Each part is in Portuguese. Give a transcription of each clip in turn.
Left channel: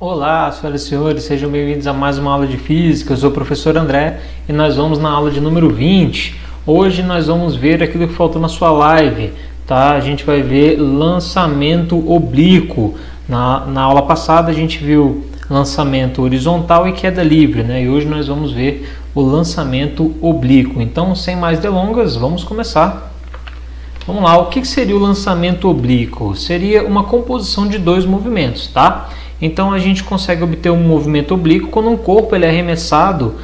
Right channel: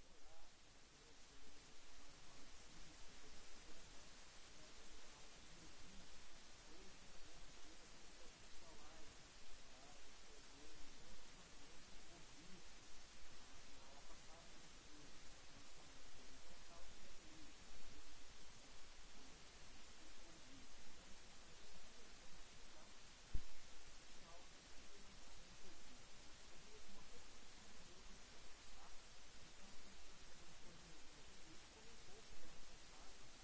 Olá, senhoras e senhores, sejam bem-vindos a mais uma aula de Física. Eu sou o professor André e nós vamos na aula de número 20. Hoje nós vamos ver aquilo que faltou na sua live, tá? A gente vai ver lançamento oblíquo. Na aula passada a gente viu lançamento horizontal e queda livre, né? E hoje nós vamos ver o lançamento oblíquo. Então, sem mais delongas, vamos começar. Vamos lá, o que seria o lançamento oblíquo? Seria uma composição de dois movimentos, tá? Então a gente consegue obter um movimento oblíquo quando um corpo ele é arremessado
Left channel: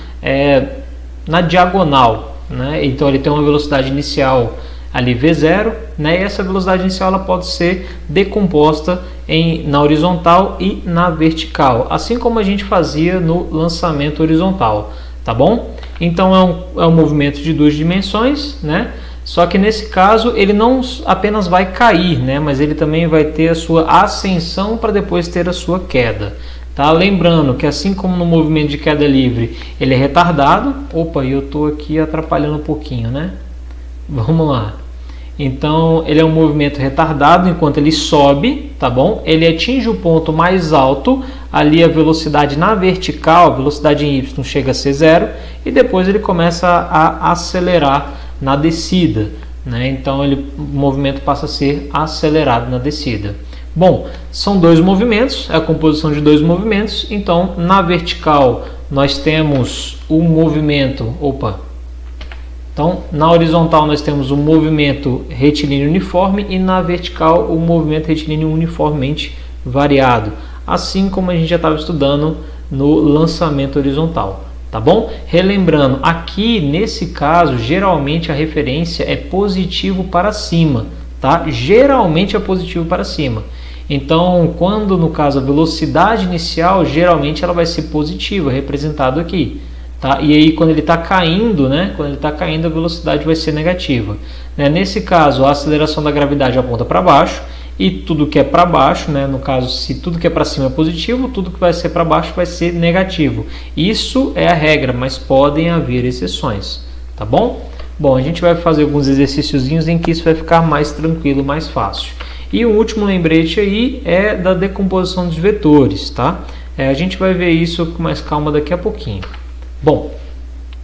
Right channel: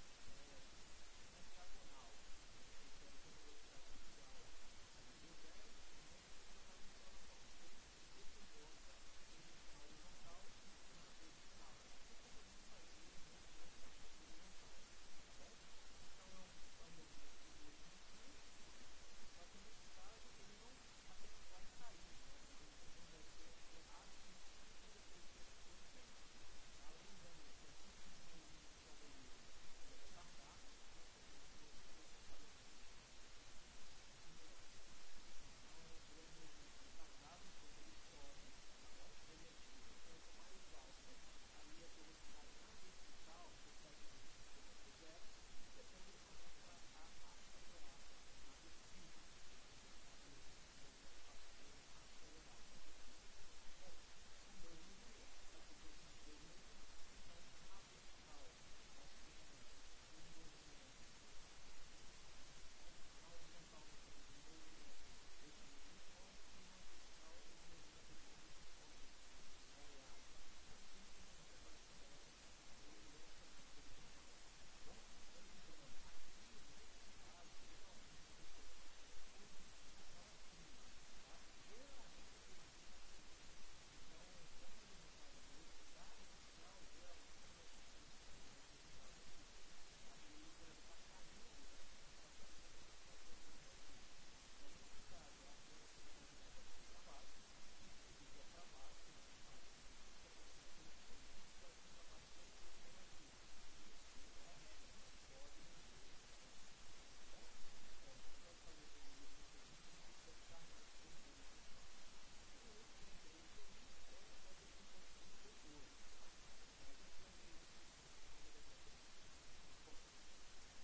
na diagonal, né? Então ele tem uma velocidade inicial ali v0, né? E essa velocidade inicial ela pode ser decomposta na horizontal e na vertical, assim como a gente fazia no lançamento horizontal, tá bom? Então é um movimento de duas dimensões, né? Só que nesse caso ele não apenas vai cair, né? Mas ele também vai ter a sua ascensão para depois ter a sua queda. Tá? Lembrando que assim como no movimento de queda livre ele é retardado. Opa, eu estou aqui atrapalhando um pouquinho, né? Vamos lá. Então ele é um movimento retardado enquanto ele sobe, tá bom? Ele atinge o ponto mais alto, ali a velocidade na vertical, a velocidade em y chega a ser zero e depois ele começa a acelerar na descida, né? Então o movimento passa a ser acelerado na descida. Bom, são dois movimentos, é a composição de dois movimentos. Então na vertical nós temos o movimento, então na horizontal nós temos o movimento retilíneo uniforme e na vertical o movimento retilíneo uniformemente variado, assim como a gente já estava estudando no lançamento horizontal. Tá bom? Relembrando, aqui nesse caso, geralmente a referência é positivo para cima, tá? Geralmente é positivo para cima. Então, quando no caso a velocidade inicial, geralmente ela vai ser positiva, representado aqui, tá? E aí quando ele está caindo, né? Quando ele está caindo, a velocidade vai ser negativa. Nesse caso, a aceleração da gravidade aponta para baixo. E tudo que é para baixo, né? No caso, se tudo que é para cima é positivo, tudo que vai ser para baixo vai ser negativo. Isso é a regra, mas podem haver exceções, tá bom? Bom, a gente vai fazer alguns exercíciozinhos em que isso vai ficar mais tranquilo, mais fácil. E o último lembrete aí é da decomposição dos vetores, tá? A gente vai ver isso com mais calma daqui a pouquinho. Bom,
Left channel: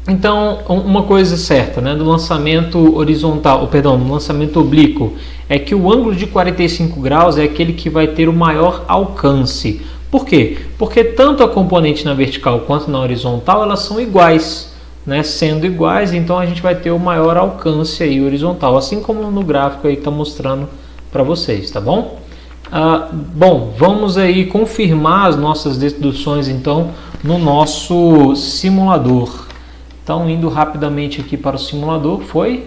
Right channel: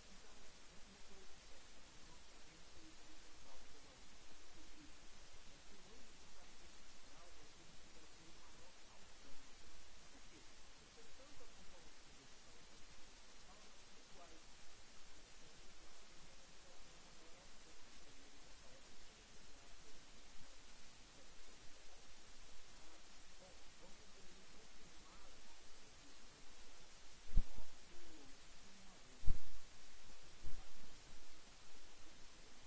então uma coisa certa, né, do lançamento horizontal, no lançamento oblíquo, é que o ângulo de 45 graus é aquele que vai ter o maior alcance. Por quê? Porque tanto a componente na vertical quanto na horizontal elas são iguais, né? Sendo iguais, então a gente vai ter o maior alcance aí horizontal, assim como no gráfico aí está mostrando para vocês, tá bom? Bom, vamos aí confirmar as nossas deduções então no nosso simulador. Então, indo rapidamente aqui para o simulador, foi?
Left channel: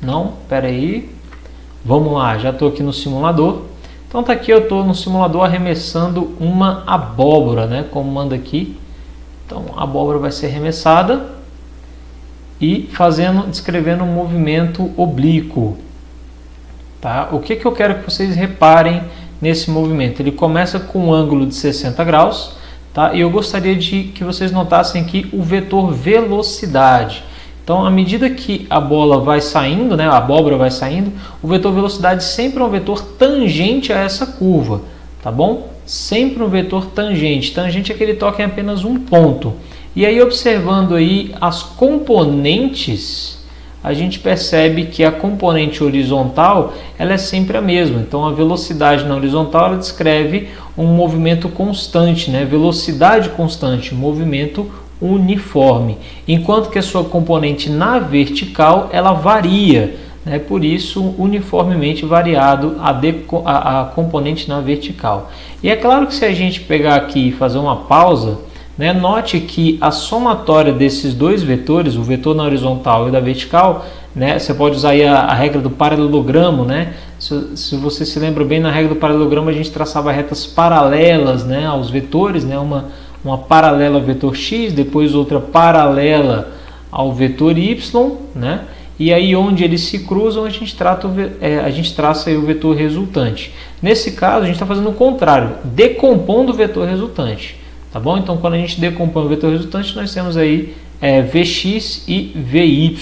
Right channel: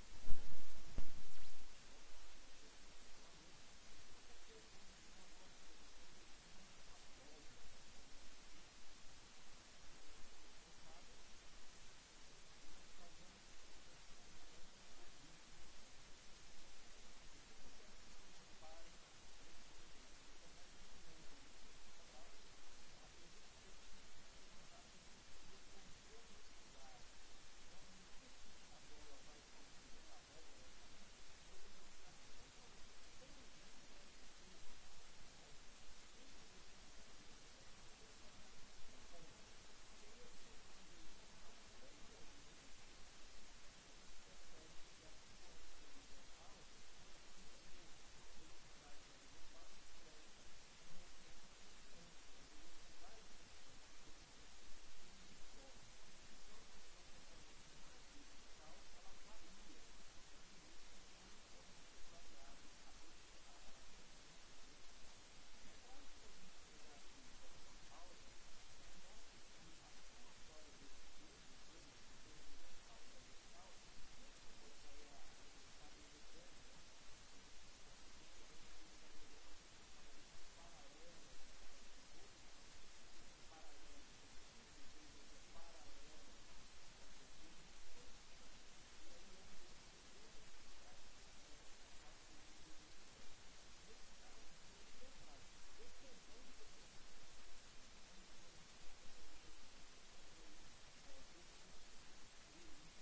Não, espera aí. Vamos lá, já estou aqui no simulador. Então, tá aqui, eu estou no simulador arremessando uma abóbora, né? Como manda aqui. Então, a abóbora vai ser arremessada e descrevendo um movimento oblíquo. Tá? O que eu quero que vocês reparem nesse movimento? Ele começa com um ângulo de 60 graus. Tá? E eu gostaria de que vocês notassem aqui o vetor velocidade. Então, à medida que a bola vai saindo, né, a abóbora vai saindo, o vetor velocidade sempre é um vetor tangente a essa curva, tá bom? Sempre um vetor tangente. Tangente é que ele toca em apenas um ponto. E aí, observando aí as componentes, a gente percebe que a componente horizontal ela é sempre a mesma. Então, a velocidade na horizontal ela descreve um movimento constante, né? Velocidade constante, movimento uniforme. Enquanto que a sua componente na vertical ela varia, né? Por isso, uniformemente variado a componente na vertical. E é claro que se a gente pegar aqui e fazer uma pausa, né, note que a somatória desses dois vetores, o vetor na horizontal e da vertical, né, você pode usar aí a regra do paralelogramo, né? Se você se lembra bem, na regra do paralelogramo a gente traçava retas paralelas, né, aos vetores, né, uma paralela ao vetor x, depois outra paralela ao vetor y, né? E aí onde eles se cruzam a gente traça aí o vetor resultante. Nesse caso a gente está fazendo o contrário, decompondo o vetor resultante. Tá bom? Então, quando a gente decompõe o vetor resultante, nós temos aí Vx e Vy.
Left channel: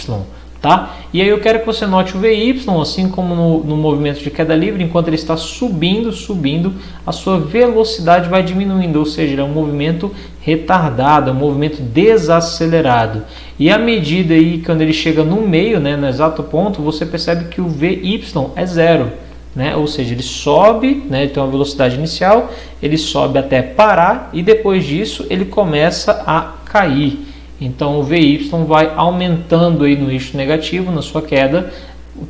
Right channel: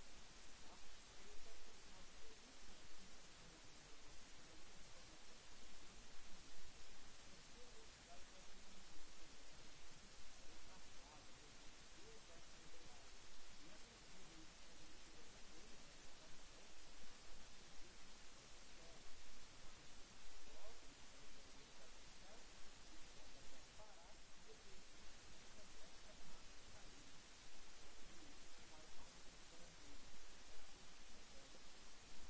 Tá? E aí eu quero que você note o VY, assim como no movimento de queda livre, enquanto ele está subindo, a sua velocidade vai diminuindo, ou seja, é um movimento retardado, é um movimento desacelerado. E à medida aí, quando ele chega no meio, né, no exato ponto, você percebe que o VY é zero. Né? Ou seja, ele sobe, né? Ele tem uma velocidade inicial, ele sobe até parar e depois disso ele começa a cair. Então o VY vai aumentando aí no eixo negativo, na sua queda,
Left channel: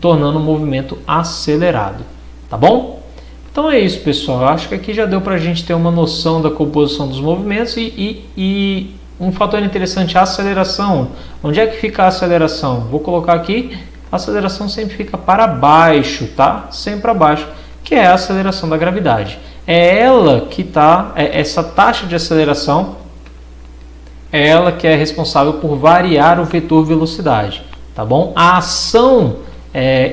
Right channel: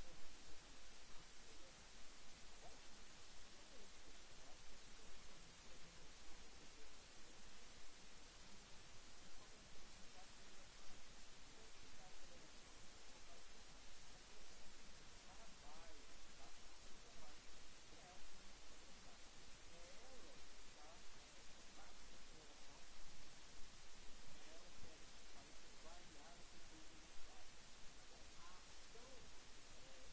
tornando o movimento acelerado. Tá bom? Então é isso, pessoal. Eu acho que aqui já deu para a gente ter uma noção da composição dos movimentos e um fator interessante, a aceleração. Onde é que fica a aceleração? Vou colocar aqui, a aceleração sempre fica para baixo, tá? Sempre para baixo, que é a aceleração da gravidade. É ela que está, essa taxa de aceleração, é ela que é responsável por variar o vetor velocidade, tá bom? A ação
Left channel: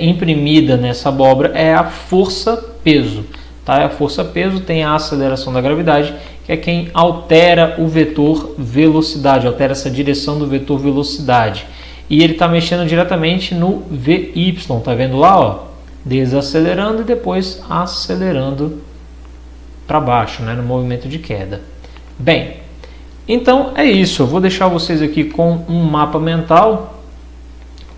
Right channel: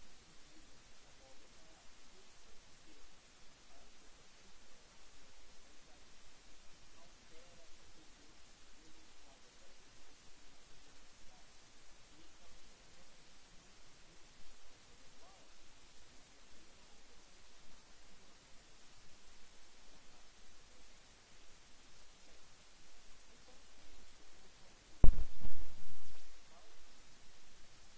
imprimida nessa abóbora é a força-peso, tá? A força-peso tem a aceleração da gravidade, que é quem altera o vetor velocidade, altera essa direção do vetor velocidade. E ele está mexendo diretamente no VY, tá vendo lá, ó? Desacelerando e depois acelerando para baixo, né? No movimento de queda. Bem, então é isso, eu vou deixar vocês aqui com um mapa mental,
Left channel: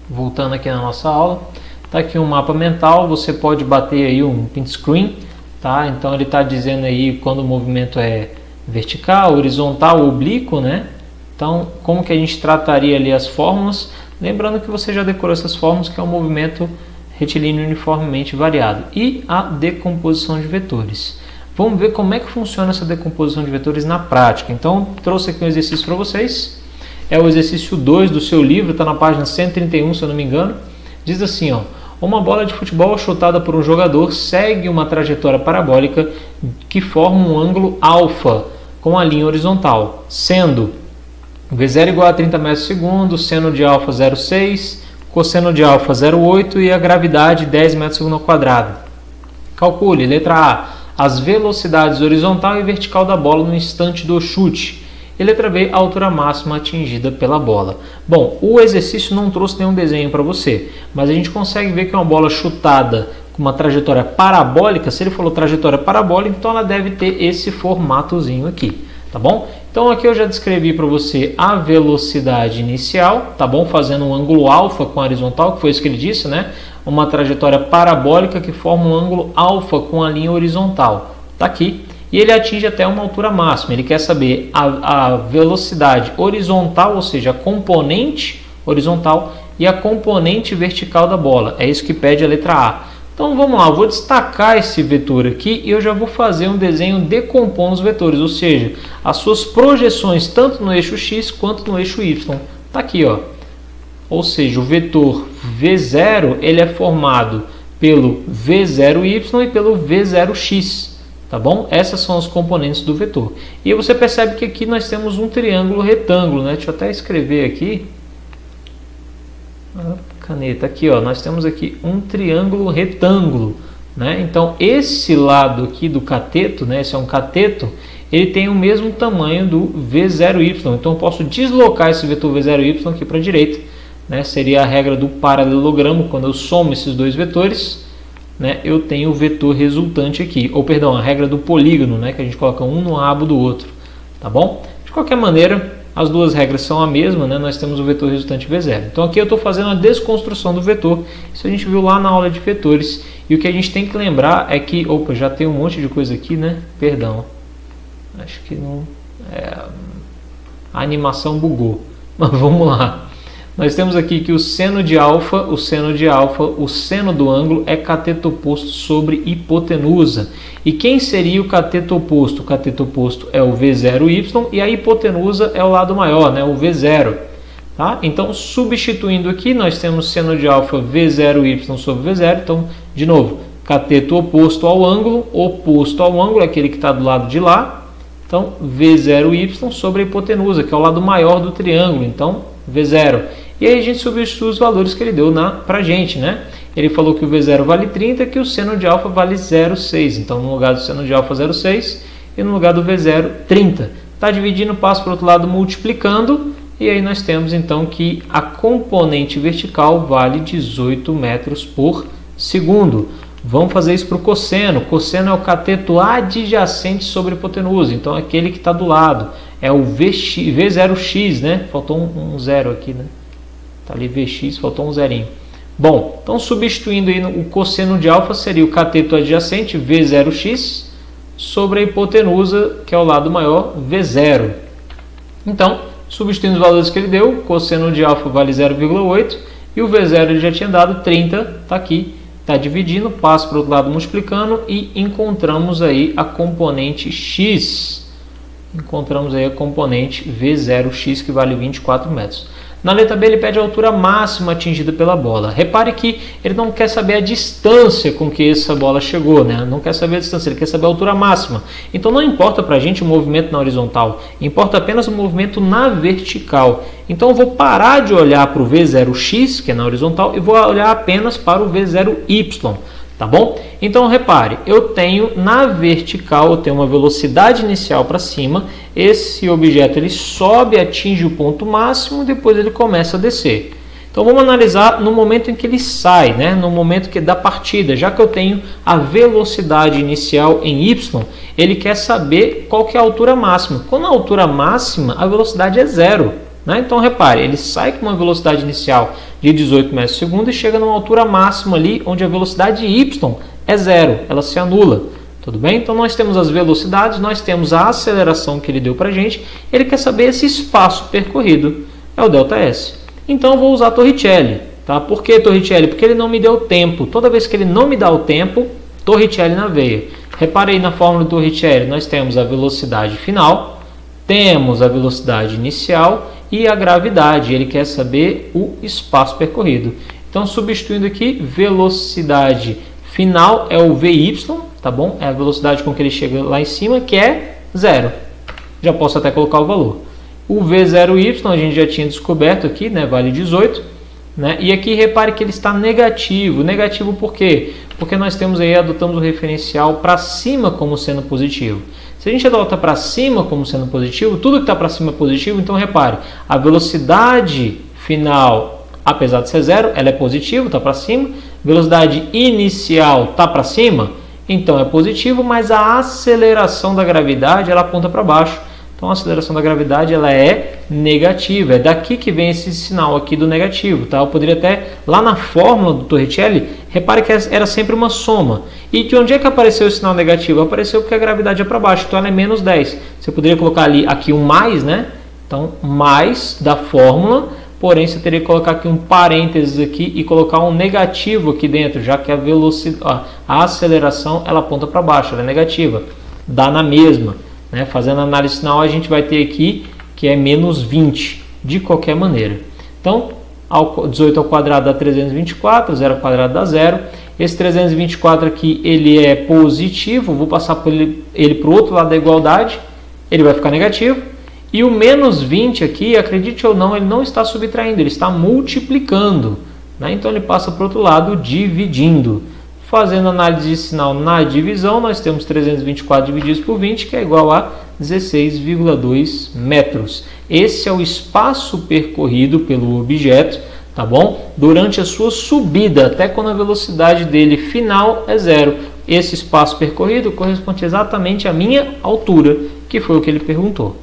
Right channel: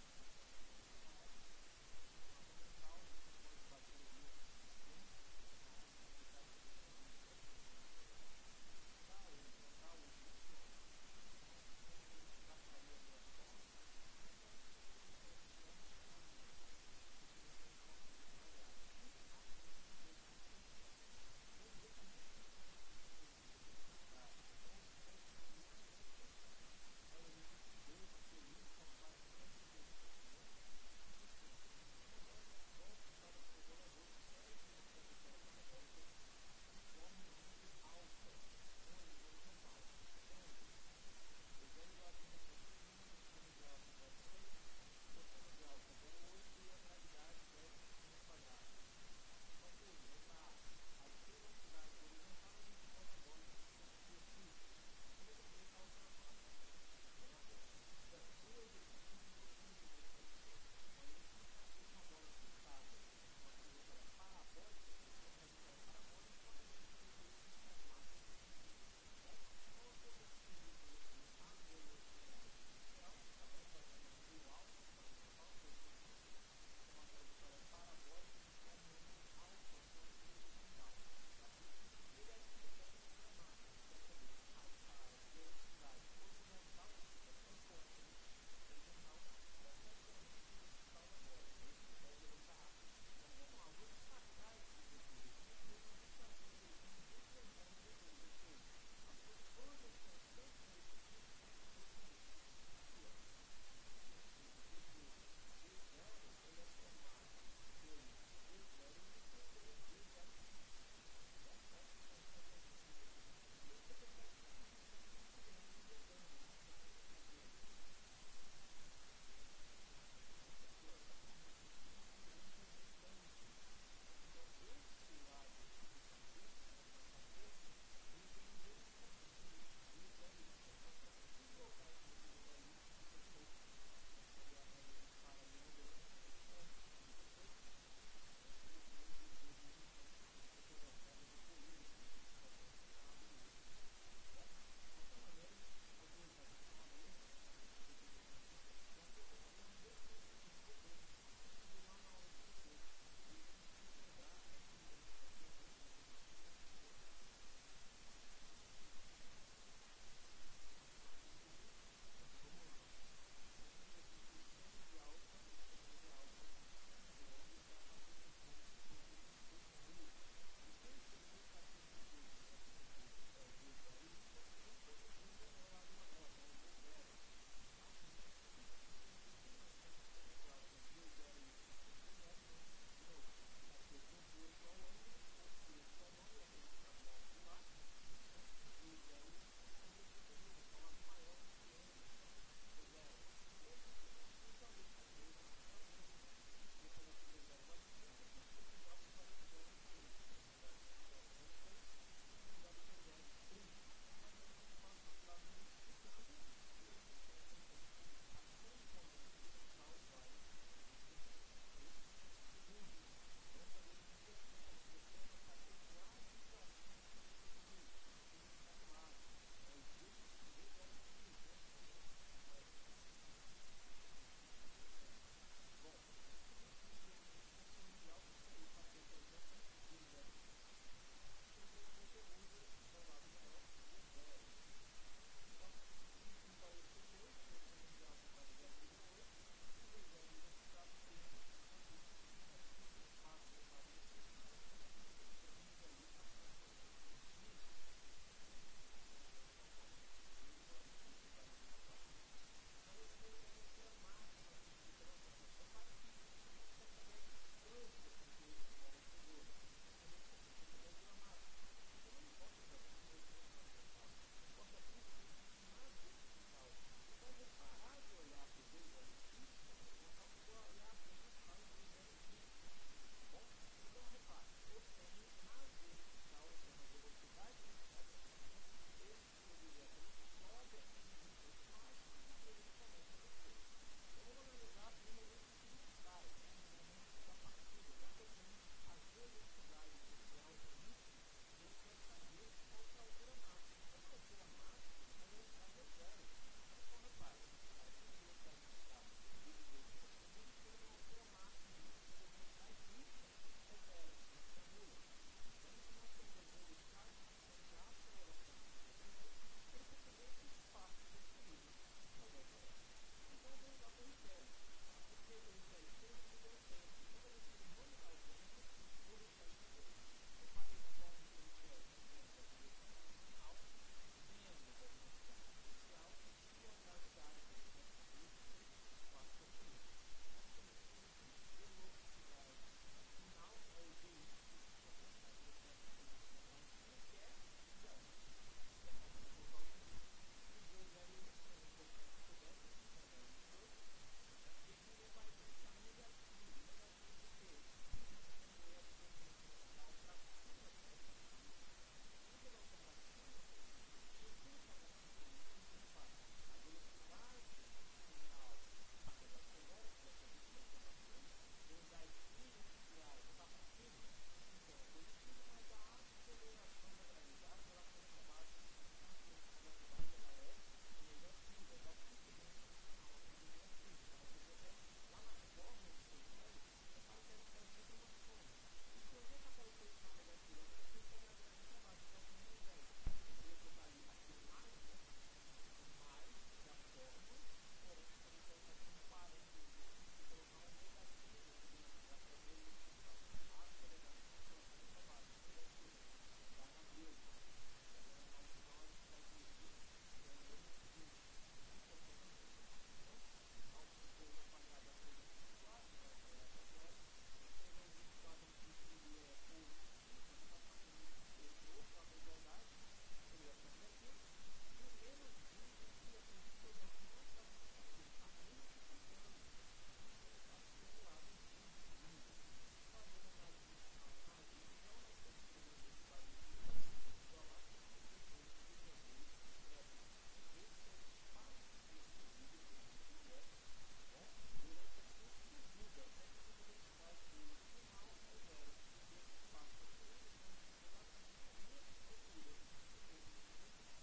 voltando aqui na nossa aula, tá aqui um mapa mental, você pode bater aí um print screen, tá? Então ele está dizendo aí quando o movimento é vertical, horizontal, oblíquo, né? Então como que a gente trataria ali as fórmulas, lembrando que você já decorou essas fórmulas, que é um movimento retilíneo uniformemente variado, e a decomposição de vetores. Vamos ver como é que funciona essa decomposição de vetores na prática. Então, trouxe aqui um exercício para vocês. É o exercício 2 do seu livro, está na página 131, se eu não me engano. Diz assim, ó: uma bola de futebol chutada por um jogador segue uma trajetória parabólica que forma um ângulo alfa com a linha horizontal, sendo V0 igual a 30 metros por segundo, seno de alfa 0,6, cosseno de alfa 0,8 e a gravidade 10 metros por segundo ao quadrado. Calcule, letra A, as velocidades horizontal e vertical da bola no instante do chute. E letra B, a altura máxima atingida pela bola. Bom, o exercício não trouxe nenhum desenho para você, mas a gente consegue ver que uma bola chutada com uma trajetória parabólica, se ele falou trajetória parabólica, então ela deve ter esse formatozinho aqui, tá bom? Então aqui eu já descrevi para você a velocidade inicial, tá bom? Fazendo um ângulo alfa com a horizontal, que foi isso que ele disse, né? Uma trajetória parabólica que forma um ângulo alfa com a linha horizontal. Está aqui. E ele atinge até uma altura máxima. Ele quer saber a velocidade horizontal, ou seja, a componente horizontal e a componente vertical da bola. É isso que pede a letra A. Então vamos lá, eu vou destacar esse vetor aqui e eu já vou fazer um desenho decompondo os vetores, ou seja, as suas projeções tanto no eixo X quanto no eixo Y. Está aqui, ó. Ou seja, o vetor V0 ele é formado pelo V0y e pelo V0x, tá bom? Essas são as componentes do vetor. E você percebe que aqui nós temos um triângulo retângulo, né? Deixa eu até escrever aqui. Caneta aqui, ó. Nós temos aqui um triângulo retângulo, né? Então esse lado aqui do cateto, né? Esse é um cateto. Ele tem o mesmo tamanho do V0y. Então eu posso deslocar esse vetor V0y aqui para a direita. Né, seria a regra do paralelogramo, quando eu somo esses dois vetores, né, eu tenho o vetor resultante aqui, ou perdão, a regra do polígono, né, que a gente coloca um no abo do outro, tá bom? De qualquer maneira, as duas regras são a mesma, né, nós temos o vetor resultante V0. Então aqui eu estou fazendo a desconstrução do vetor, isso a gente viu lá na aula de vetores, e o que a gente tem que lembrar é que, opa, já tem um monte de coisa aqui, né, perdão, acho que não, a animação bugou, mas vamos lá. Nós temos aqui que o seno de alfa, o seno do ângulo é cateto oposto sobre hipotenusa. E quem seria o cateto oposto? O cateto oposto é o V0y e a hipotenusa é o lado maior, né? O V0. Tá? Então, substituindo aqui, nós temos seno de alfa V0y sobre V0. Então, de novo, cateto oposto ao ângulo é aquele que está do lado de lá. Então, V0y sobre a hipotenusa, que é o lado maior do triângulo. Então, V0. E aí a gente substitui os valores que ele deu para a gente, né? Ele falou que o V0 vale 30, que o seno de alfa vale 0,6. Então, no lugar do seno de alfa, 0,6 e no lugar do V0, 30. Está dividindo, passa para o outro lado multiplicando E aí nós temos então que a componente vertical vale 18 metros por segundo. Vamos fazer isso para o cosseno. Cosseno é o cateto adjacente sobre a hipotenusa, então aquele que está do lado. É o V0x, né? Faltou um zero aqui, né? Está ali Vx, faltou um zerinho. Bom, então substituindo aí o cosseno de alfa seria o cateto adjacente V0x sobre a hipotenusa, que é o lado maior, V0. Então, substituindo os valores que ele deu, o cosseno de alfa vale 0,8 e o V0 ele já tinha dado 30, está aqui, está dividindo, passa para o outro lado multiplicando e encontramos aí a componente x. Encontramos aí a componente V0x que vale 24 metros. Na letra B ele pede a altura máxima atingida pela bola. Repare que ele não quer saber a distância com que essa bola chegou, né? Não quer saber a distância, ele quer saber a altura máxima. Então não importa para a gente o movimento na horizontal, importa apenas o movimento na vertical. Então eu vou parar de olhar para o V0x, que é na horizontal, e vou olhar apenas para o V0y. Tá bom? Então repare, eu tenho na vertical, eu tenho uma velocidade inicial para cima, esse objeto ele sobe, atinge o ponto máximo e depois ele começa a descer. Então vamos analisar no momento em que ele sai, né? No momento da partida, já que eu tenho a velocidade inicial em y, ele quer saber qual que é a altura máxima. Quando a altura máxima, a velocidade é zero. Então repare, ele sai com uma velocidade inicial de 18 metros por segundo e chega numa altura máxima ali onde a velocidade y é zero, ela se anula. Tudo bem? Então nós temos as velocidades, nós temos a aceleração que ele deu para a gente, ele quer saber esse espaço percorrido, é o ΔS. Então eu vou usar Torricelli. Tá? Por que Torricelli? Porque ele não me deu tempo. Toda vez que ele não me dá o tempo, Torricelli na veia. Repare aí na fórmula do Torricelli, nós temos a velocidade final, temos a velocidade inicial e a gravidade, ele quer saber o espaço percorrido. Então, substituindo aqui, velocidade final é o VY, tá bom? É a velocidade com que ele chega lá em cima, que é zero. Já posso até colocar o valor. O V0Y a gente já tinha descoberto aqui, né? Vale 18. Né? E aqui repare que ele está negativo. Negativo por quê? Porque nós temos aí, adotamos o referencial para cima como sendo positivo. Se a gente adota para cima como sendo positivo, tudo que está para cima é positivo, então repare, a velocidade final, apesar de ser zero, ela é positiva, está para cima. Velocidade inicial está para cima, então é positivo, mas a aceleração da gravidade ela aponta para baixo. Então a aceleração da gravidade ela é negativa, é daqui que vem esse sinal aqui do negativo. Tá? Eu poderia até, lá na fórmula do Torricelli, repare que era sempre uma soma. E de onde é que apareceu o sinal negativo? Apareceu porque a gravidade é para baixo, então ela é menos 10. Você poderia colocar ali aqui um mais, né? Então mais da fórmula, porém você teria que colocar aqui um parênteses aqui e colocar um negativo aqui dentro, já que a velocidade, a aceleração ela aponta para baixo, ela é negativa, dá na mesma. Né? Fazendo a análise final, a gente vai ter aqui que é menos 20, de qualquer maneira. Então, 18 ao quadrado dá 324, 0 ao quadrado dá 0. Esse 324 aqui, ele é positivo, vou passar por ele para o outro lado da igualdade, ele vai ficar negativo. E o menos 20 aqui, acredite ou não, ele não está subtraindo, ele está multiplicando. Né? Então, ele passa para o outro lado dividindo. Fazendo análise de sinal na divisão, nós temos 324 divididos por 20, que é igual a 16,2 metros. Esse é o espaço percorrido pelo objeto, tá bom? Durante a sua subida, até quando a velocidade dele final é zero. Esse espaço percorrido corresponde exatamente à minha altura, que foi o que ele perguntou.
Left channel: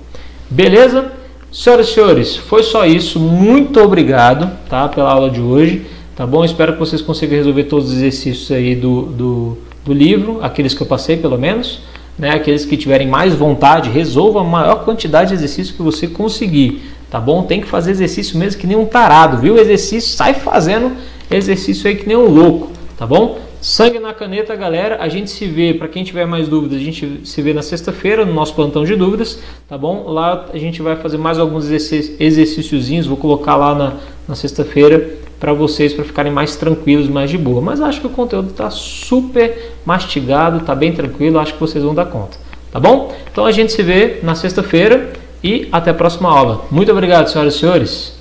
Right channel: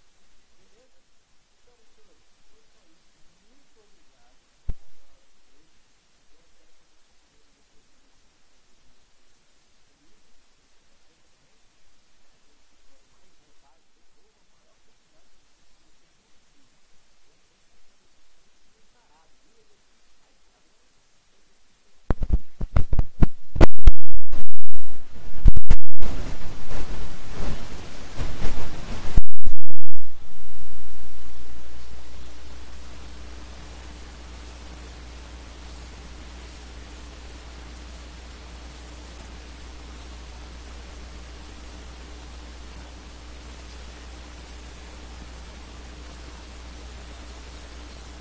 Beleza? Senhoras e senhores, foi só isso. Muito obrigado, tá, pela aula de hoje. Tá bom? Espero que vocês consigam resolver todos os exercícios aí do livro, aqueles que eu passei pelo menos. Né? Aqueles que tiverem mais vontade, resolva a maior quantidade de exercícios que você conseguir. Tá bom? Tem que fazer exercício mesmo que nem um tarado, viu? Exercício, sai fazendo exercício aí que nem um louco. Tá bom? Sangue na caneta, galera. A gente se vê, para quem tiver mais dúvidas, a gente se vê na sexta-feira no nosso plantão de dúvidas. Tá bom? Lá a gente vai fazer mais alguns exercíciozinhos. Vou colocar lá na sexta-feira para vocês, para ficarem mais tranquilos, mais de boa. Mas acho que o conteúdo está super mastigado, está bem tranquilo, acho que vocês vão dar conta. Tá bom? Então a gente se vê na sexta-feira e até a próxima aula. Muito obrigado, senhoras e senhores.